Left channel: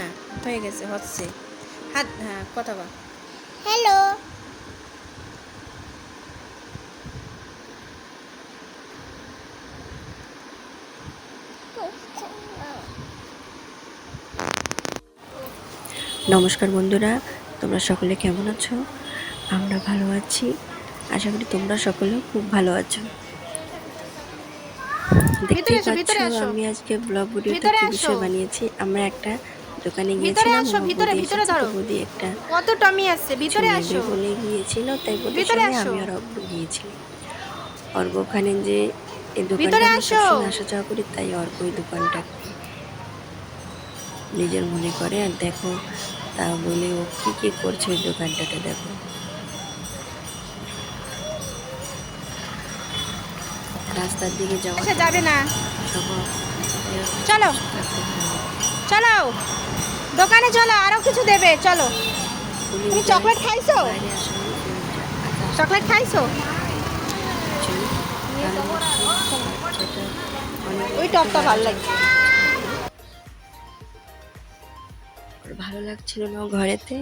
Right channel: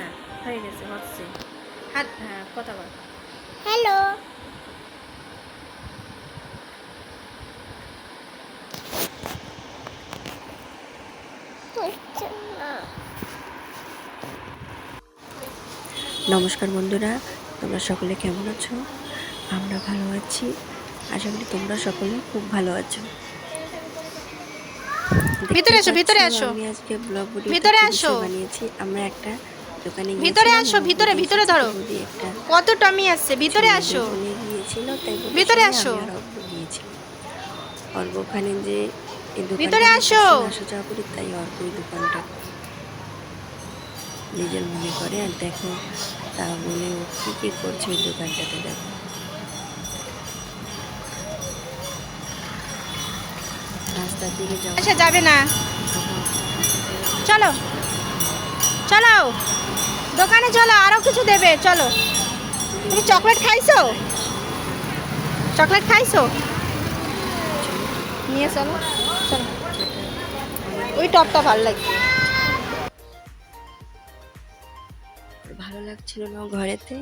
না? হয়ে গেছে হচ্ছে। হাত হ্যাঁ কথা বল। হ্যালো। নমস্কার বন্ধুরা তোমরা সকলে কেমন আছো? আমরা ভালো আছি। আশা করি তোমরা সকলে খুব ভালো আছো। ভিতরে এসো, ভিতরে আসো। আমি আজকে ব্লগ ভিডিও ভিতরে আসো। বানিয়েছি। আমরা একটা দোকানে ভিতরে আসো, ভিতরে, ভিতরে ধরো। কত টমি আসছে ভিতরে আসো। ভিতরে আসো। অর্ক ওখানে যে ভিতরে আসো। যাওয়া করি তাই অর্ক ওই দোকানটা নিজের মনে করে। আর দেখো তা বলে ও কি কি করছে ওই দোকানটাতে দেখো। রাস্তার দিকে আসা যাবে না। চলো। চলো দোকানে চলো, আরও কিছু দেবে, চলো। তুমি চকলেট খাইছো? চকলেট খাইছো? নিয়ে চলো চলো। ওই টপটা ভালো লাগছে। ভালো লাগছিল না ঘরেতে,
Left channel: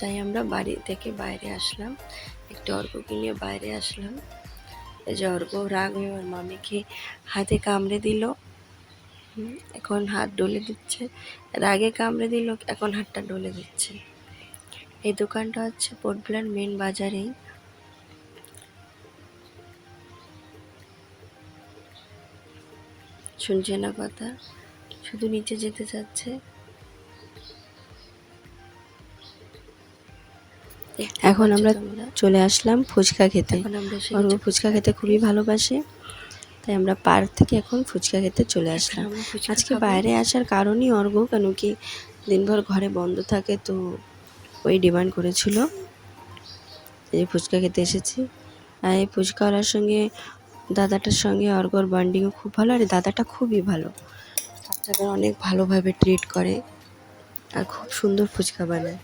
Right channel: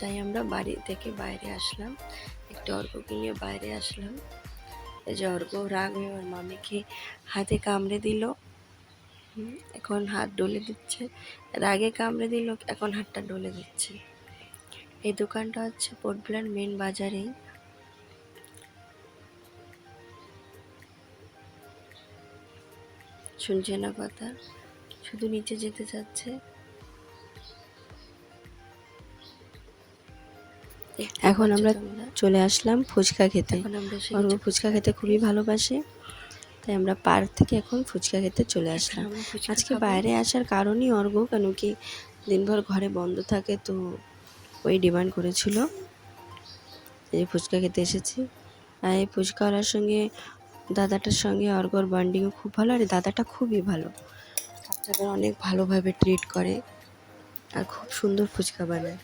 তাই আমরা বাড়ি থেকে বাইরে আসলাম। একটু অর্ককে নিয়ে বাইরে আসলাম। এই যে অর্ক রাগ হয়ে মামিকে হাতে কামড়ে দিল। এখন হাত ডলে দিচ্ছে। রাগে কামড়ে দিল এখন হাতটা ডলে দিচ্ছে। এই দোকানটা হচ্ছে পোর্টব্লার মেন বাজারেই শুনছে না কথা? শুধু নিচে যেতে চাচ্ছে। এখন আমরা চলে আসলাম। ফুচকা খেতে। ফুচকা খেতে খুবই ভালোবাসে। তাই আমরা পার্ক থেকে এখন ফুচকা খেতে চলে আসলাম। আজকে বাইরে আসার কারণই অর্ঘ কেন কি দিনভর ঘরে বন্ধ থাকে তো ওই ডিমান্ড করেছিল। এই ফুচকা খেতে এসেছি। আর এই ফুচকা ফুচকাওয়ালার সঙ্গে দাদাটার সঙ্গে অর্ঘর বান্ডিংও খুব ভালো আর দাদাটা খুবই ভালো। বাচ্চাদের অনেক ভালোভাবে ট্রিট করে আর খুব সুন্দর ফুচকা বানায়।